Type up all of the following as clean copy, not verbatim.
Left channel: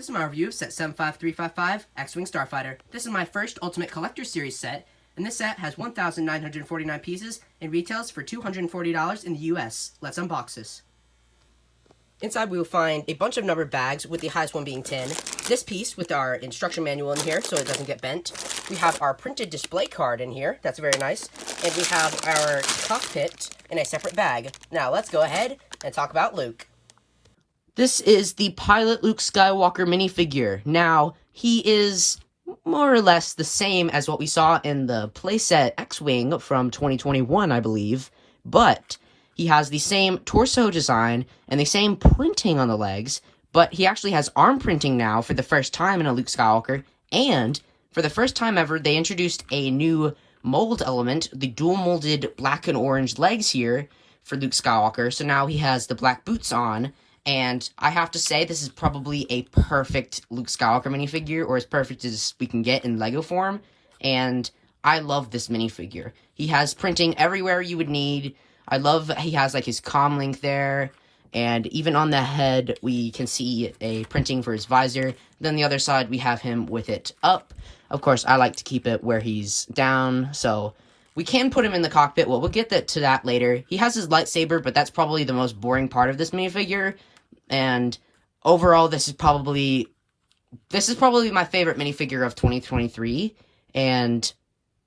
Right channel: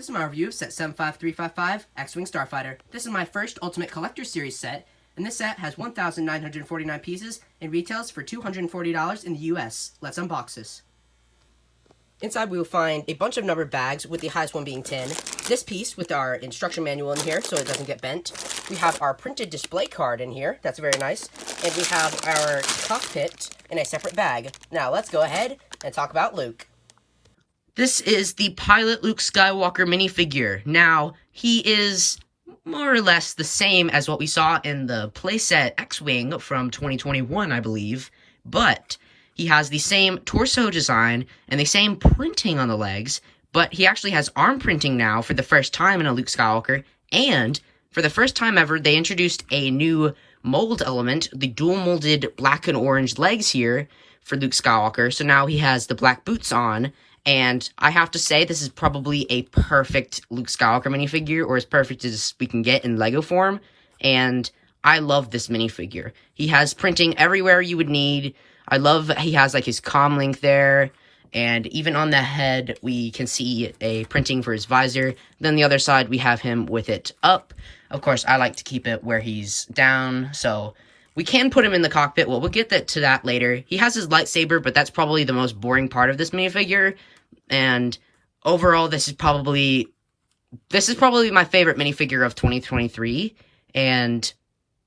This is my review of set 75355 X-Wing Starfighter. This is my first Ultimate Collector Series set, and this set has 1,949 pieces and retails for $240 in the US. Let's unbox this. Inside we will find a bunch of numbered bags, with the highest one being 10. This piece with our instruction manual in here so it doesn't get bent. We have our printed display card in here, that's very nice. And we have our cockpit in a separate bag. Now let's go ahead and talk about Luke. This is the Pilot Luke Skywalker minifigure. Now, he is more or less the same as what we saw in the playset X-Wing from 2021, I believe, but he has the same torso design and the same printing on the legs, but he actually has arm printing now for the first time in a Luke Skywalker, and for the first time ever, they introduced a new mold element, the dual molded black and orange legs here for Luke Skywalker, so now he has the black boots on. And I have to say, this is probably a perfect Luke Skywalker minifigure, or as perfect as we can get in Lego form. And I love this minifigure. He has printing everywhere you would need. I love he has like his comm link there. And even on the head, we can see a printing for his visor. Then the other side, we have him with it up. Of course, I like to keep it where he's down, so we can put him in the cockpit. Well, we'll get to that later. He has his lightsaber, but that's probably the most boring part of this minifigure. And overall, this is probably my favorite minifigure of 2023. And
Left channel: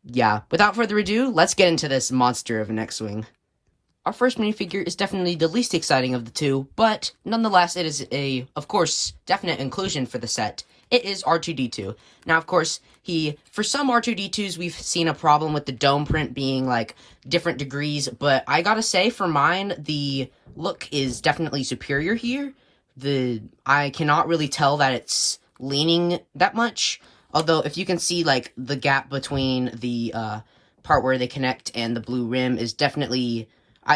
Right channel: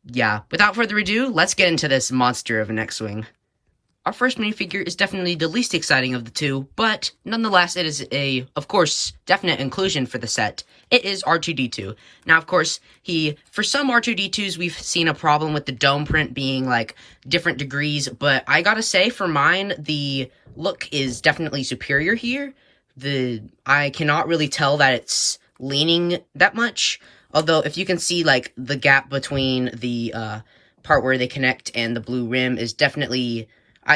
yeah, without further ado, let's get into this monster of an X-Wing. Our first minifigure is definitely the least exciting of the two, but nonetheless, it is a, of course, definite inclusion for the set. It is R2-D2. Now, of course, for some R2-D2s, we've seen a problem with the dome print being, like, different degrees, but I gotta say, for mine, the look is definitely superior here. I cannot really tell that it's leaning that much, although if you can see, like, the gap between the part where they connect and the blue rim is definitely...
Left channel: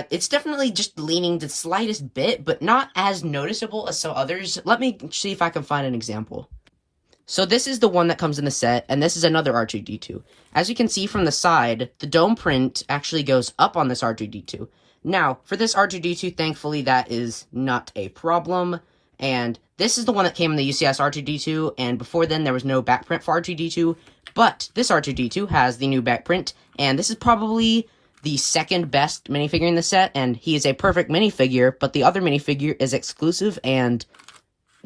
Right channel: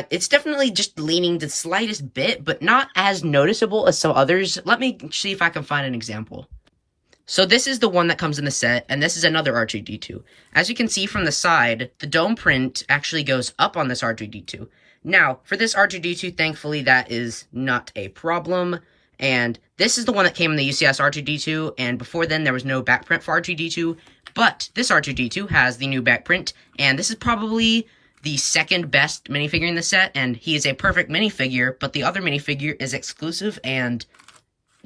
it's definitely just leaning the slightest bit, but not as noticeable as some others. Let me see if I can find an example. So this is the one that comes in the set, and this is another R2-D2. As you can see from the side, the dome print actually goes up on this R2-D2. Now, for this R2-D2, thankfully, that is not a problem. And this is the one that came in the UCS R2-D2, and before then, there was no back print for R2-D2. But this R2-D2 has the new back print, and this is probably the second best minifigure in the set, and he is a perfect minifigure, but the other minifigure is exclusive and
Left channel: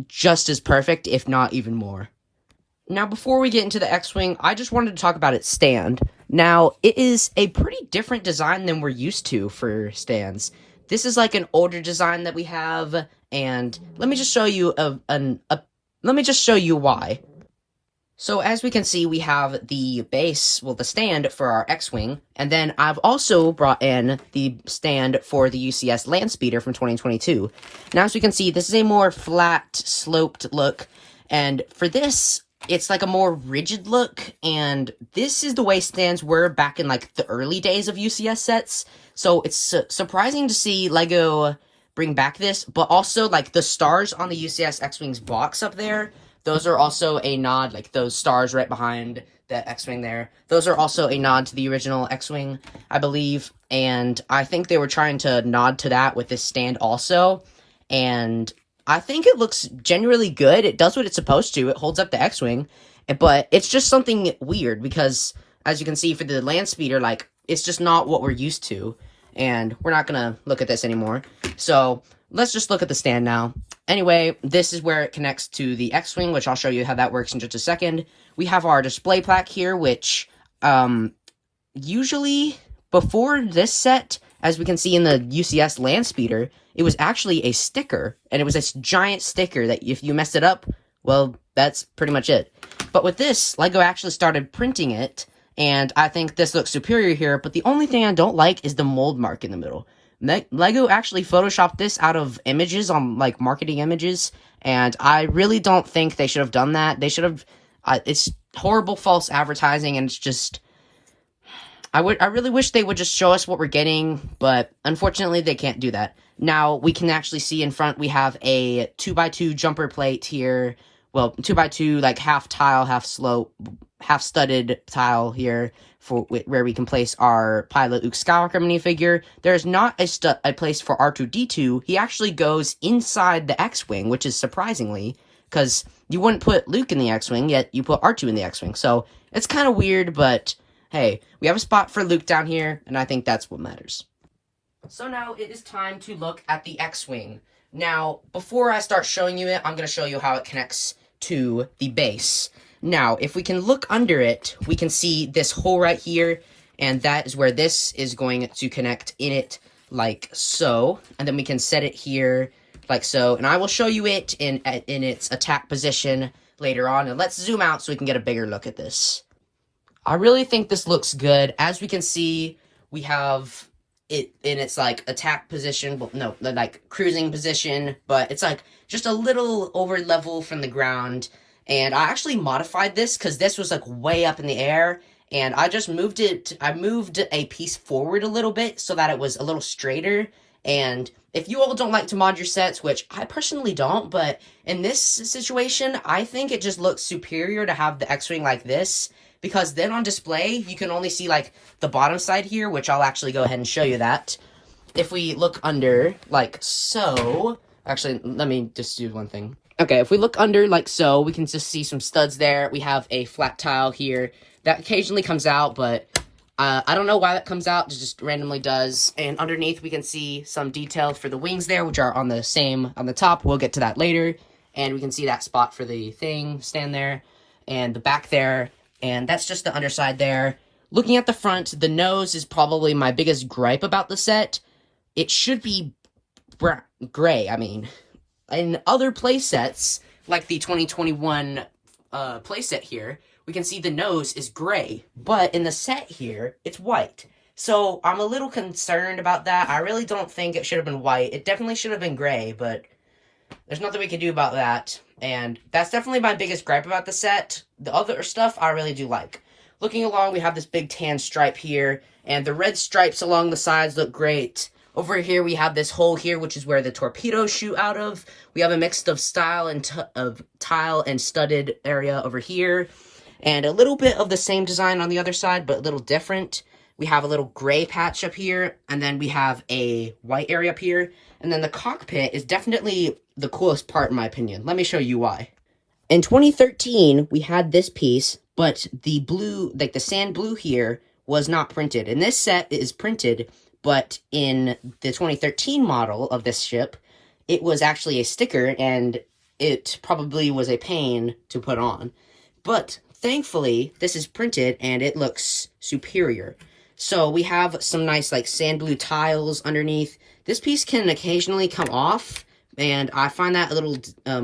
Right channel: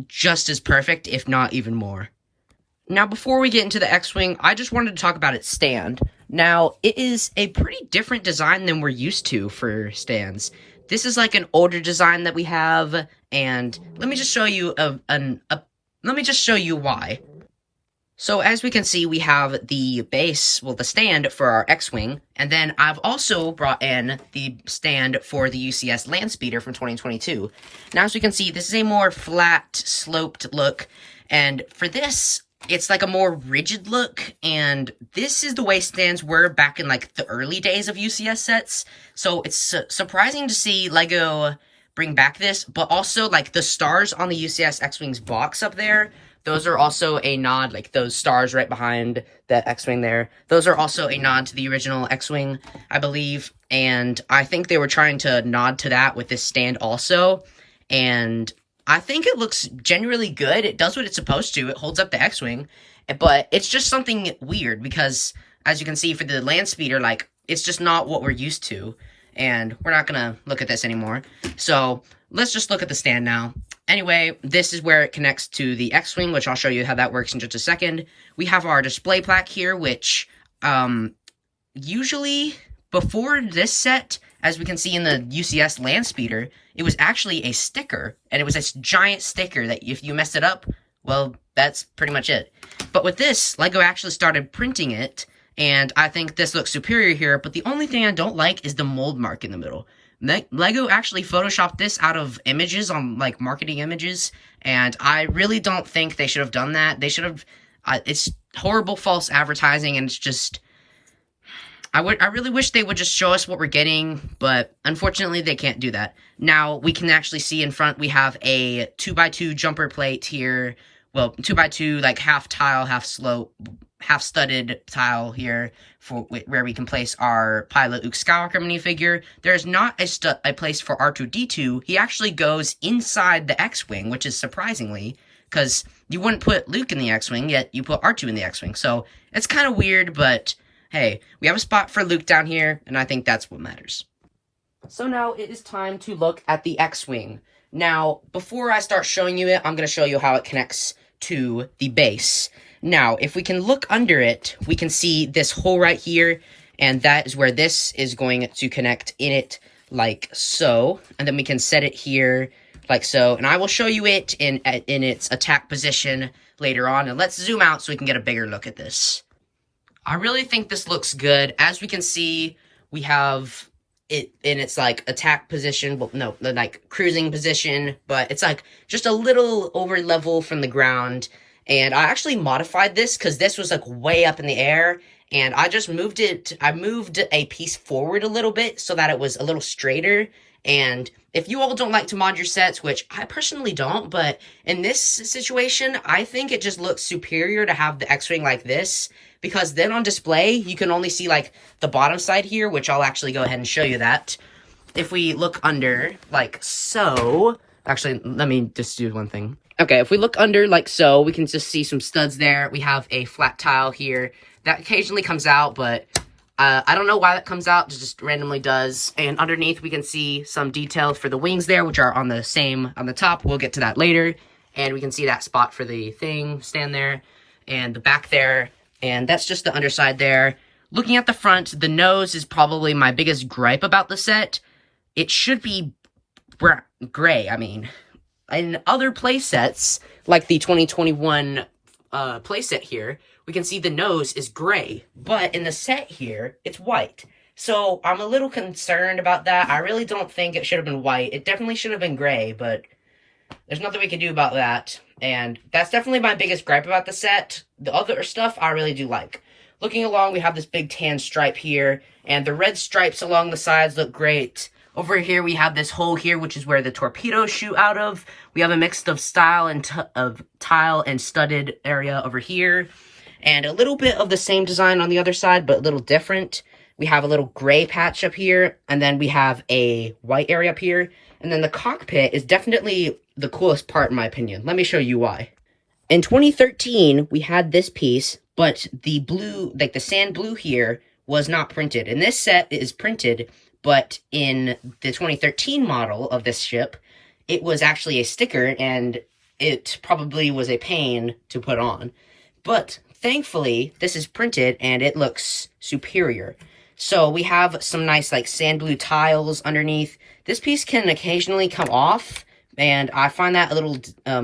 just as perfect, if not even more. Now, before we get into the X-Wing, I just wanted to talk about its stand. Now, it is a pretty different design than we're used to for stands. This is like an older design that we have, and let me just show you why. So, as we can see, we have the base, well, the stand for our X-Wing, and then I've also brought in the stand for the UCS Landspeeder from 2022. Now, as we can see, this is a more flat, sloped look, and for this, it's like a more rigid look, and this is the way stands were back in, like, the early days of UCS sets, so it's surprising to see LEGO bring back this, but also, like, the stars on the UCS X-Wing's box up there, those are also a nod, like those stars right behind that X-Wing there. Those are also a nod to the original X-Wing, I believe. And I think they were trying to nod to that with this stand also. And I think it looks genuinely good. It does what it's supposed to. It holds up the X-Wing. But it's just something weird because, as you can see for the Landspeeder, like, it's just not what we're used to. And we're not going to look at this anymore. So let's just look at the stand now. Anyway, this is where it connects to the X-Wing, which I'll show you how that works in just a second. We have our display plaque here, which, usually, before this set, as we can see in the UCS Landspeeder, it was actually a sticker, and it was this giant sticker that if you messed it up, well, that's pretty much it. But with this, LEGO actually started printing it, and I think this looks superior here, but the only thing I don't like is the mold mark in the middle. LEGO actually photoshopped this out of images on, like, marketing images, and I really don't think they should have done that. They should have, it's horrible false advertising, and it's just, I really wish they would just show us what we're getting, but unfortunately they can't do that. Now, we can actually see in front, we have a 2x2 jumper plate here, well, 2x2, like, half tile, half slope, half studded tile here, for where we can place our Pilot Luke Skywalker minifigure. There's not a place for R2-D2. He actually goes inside the X-Wing, which is surprisingly, because you wouldn't put Luke in the X-Wing, yet you put R2 in the X-Wing. So it's kind of weird, but hey, we have a spot for Luke down here, and I think that's what matters. So now it is time to look at the X-Wing. Now, before I start showing you it, I'm going to show you how it connects to the base. Now, if we can look under it, we can see this hole right here, and that is where this is going to connect in it, like so. And then we can set it here, like so. And I will show you it in its attack position later on. And let's zoom out so we can get a bigger look at this. I really think this looks good. As we can see, we have it in its like attack position, well, no, like cruising position, but it's like just a little over level from the ground. And I actually modified this because this was like way up in the air, and I just moved it. I moved a piece forward a little bit so that it was a little straighter. And if you all don't like to mod your sets, which I personally don't, but in this situation, I think it just looks superior to have the X-Wing like this, because then on display, you can only see like the bottom side here, which I'll actually go ahead and show you that. If we look under, like so, actually, let me just do one thing. Okay, if we look under like so, we can just see some studs there. We have a flat tile here that occasionally comes out, but I don't know why that comes out. It just randomly does. And underneath, we can see some details for the wings there, which are on the top. We'll get to that later. And we can see that spot for the thing stand there, and the back there. And that's just the underside there. Looking at the front, the nose is probably my biggest gripe about the set. It should be gray, I mean. In other playsets, like the 2021 playset here, we can see the nose is gray. But in the set here, it's white. So I'm a little concerned about that. I really don't think it should have been white. It definitely should have been gray, but there's nothing we can do about that. And that's definitely my biggest gripe about the set. The other stuff I really do like. Looking along, we have this big tan stripe here, and the red stripes along the sides look great. Over here, we have this hole here, which is where the torpedoes shoot out of. We have a mix of style and of tile and studded area over here, and a little bit of the same design on the other side, but a little different. We have a little gray patch up here, and then we have a white area up here, and then the cockpit is definitely the coolest part in my opinion. Let me show you why. In 2013, we had this piece, but the blue, like the sand blue here, was not printed. And this set is printed, but in the 2013 model of this ship, it was actually a sticker, and it probably was a pain to put on. But thankfully, this is printed, and it looks superior. So we have some nice like sand blue tiles underneath. This piece can occasionally come off, and I find that a little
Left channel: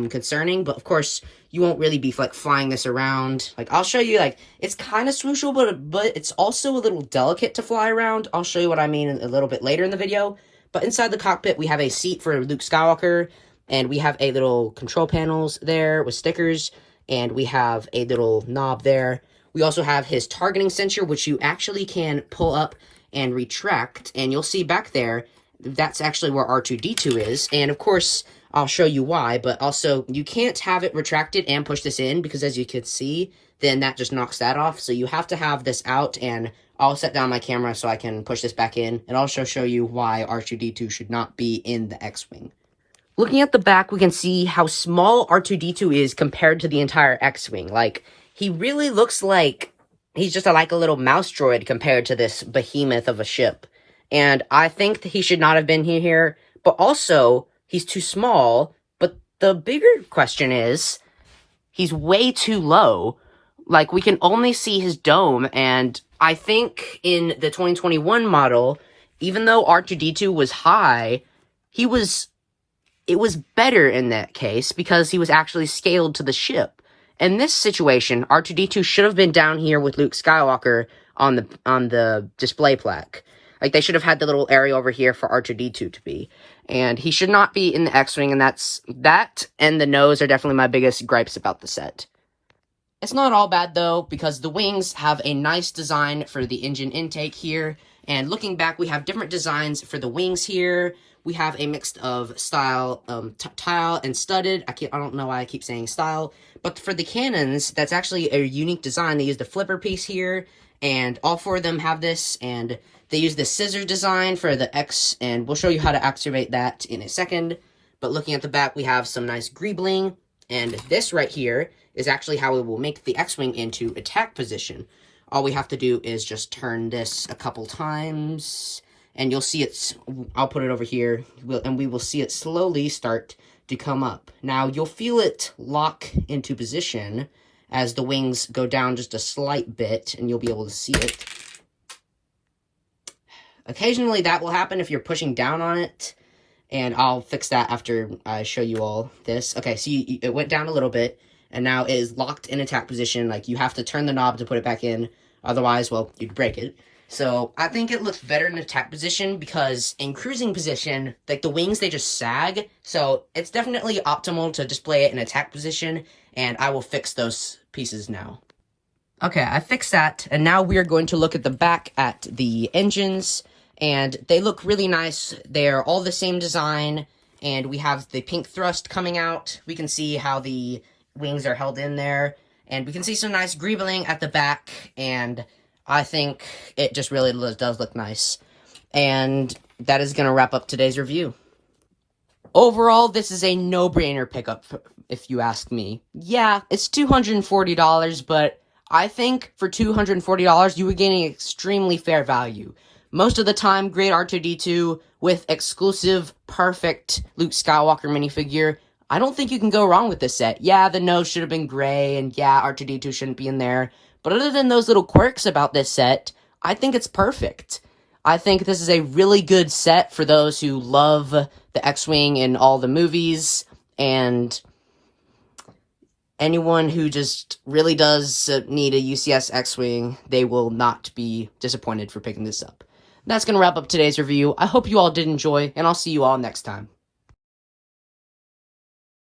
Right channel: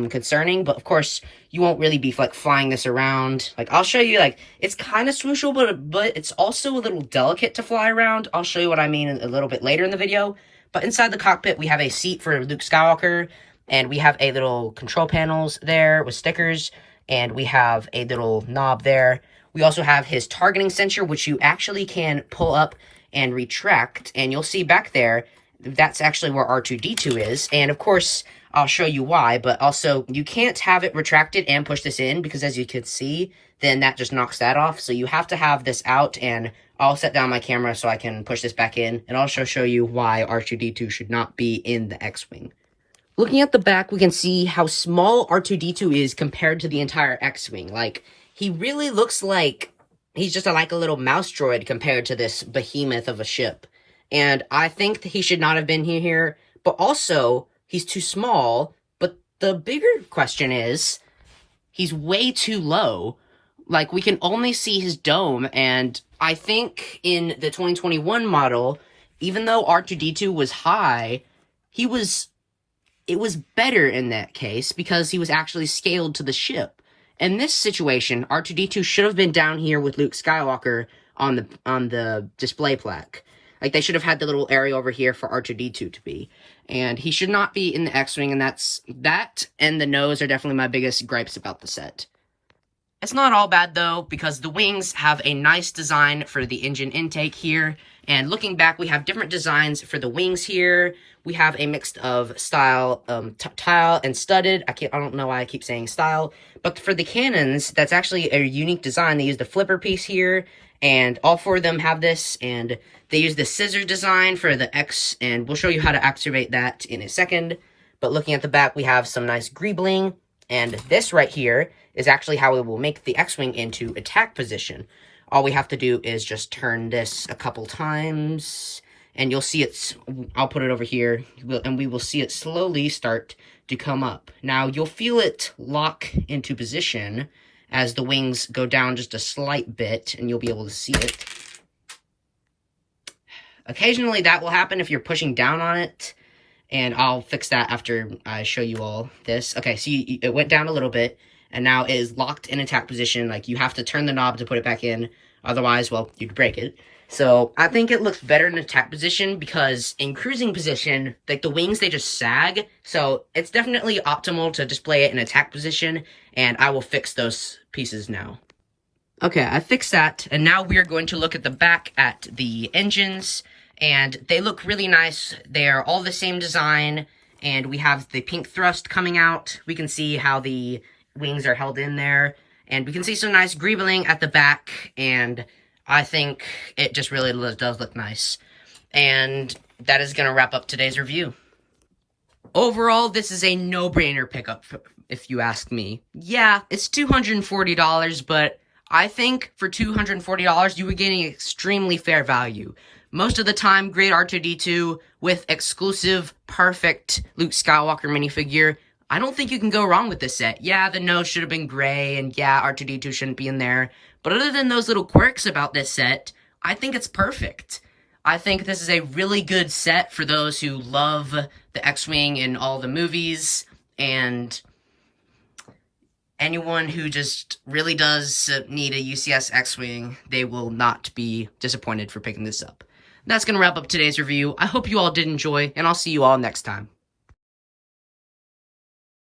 concerning, but of course, you won't really be like flying this around. Like, I'll show you, like, it's kind of swooshable, but it's also a little delicate to fly around. I'll show you what I mean a little bit later in the video. But inside the cockpit, we have a seat for Luke Skywalker, and we have a little control panels there with stickers, and we have a little knob there. We also have his targeting sensor, which you actually can pull up and retract, and you'll see back there, that's actually where R2-D2 is, and of course, I'll show you why, but also, you can't have it retracted and push this in, because as you can see, then that just knocks that off, so you have to have this out, and I'll set down my camera so I can push this back in, and also show you why R2-D2 should not be in the X-Wing. Looking at the back, we can see how small R2-D2 is compared to the entire X-Wing. Like, he really looks like he's just like a little mouse droid compared to this behemoth of a ship. And I think that he should not have been here, but also, he's too small. But the bigger question is, he's way too low. Like, we can only see his dome, and I think in the 2021 model, even though R2-D2 was high, it was better in that case, because he was actually scaled to the ship. In this situation, R2-D2 should have been down here with Luke Skywalker on the display plaque. Like, they should have had the little area over here for R2-D2 to be. And he should not be in the X-Wing, and that and the nose are definitely my biggest gripes about the set. It's not all bad, though, because the wings have a nice design for the engine intake here. And looking back, we have different designs for the wings here. We have a mix of style, tile, and studded. I don't know why I keep saying style. But for the cannons, that's actually a unique design. They use the flipper piece here, and all four of them have this, and they use the scissor design for the X, and we'll show you how to activate that in a second. But looking at the back, we have some nice greebling, And this right here is actually how it will make the X-Wing into attack position. All we have to do is just turn this a couple times, and you'll see I'll put it over here, and we will see it slowly start to come up. Now, you'll feel it lock into position as the wings go down just a slight bit, and you'll be able to see it. Occasionally, that will happen if you're pushing down on it, and I'll fix that after I show you all this. Okay, so it went down a little bit, and now it is locked in attack position. Like, you have to turn the knob to put it back in. Otherwise, well, you'd break it. So, I think it looks better in attack position because in cruising position, like, the wings, they just sag. So, it's definitely optimal to display it in attack position, and I will fix those pieces now. Okay, I fixed that, and now we are going to look at the back at the engines, and they look really nice. They're all the same design, and we have the pink thrust coming out. We can see how the wings are held in there, and we can see some nice greebling at the back, and I think it just really does look nice. And that is going to wrap up today's review. Overall, this is a no-brainer pickup, if you ask me. Yeah, it's $240, but I think for $240, you were getting extremely fair value. Most of the time, great R2-D2 with exclusive, perfect Luke Skywalker minifigure. I don't think you can go wrong with this set. Yeah, the nose should have been gray, and yeah, R2-D2 shouldn't be in there. But other than those little quirks about this set, I think it's perfect. I think this is a really good set for those who love the X-Wing in all the movies, and anyone who just really does need a UCS X-Wing, they will not be disappointed for picking this up. That's going to wrap up today's review. I hope you all did enjoy, and I'll see you all next time.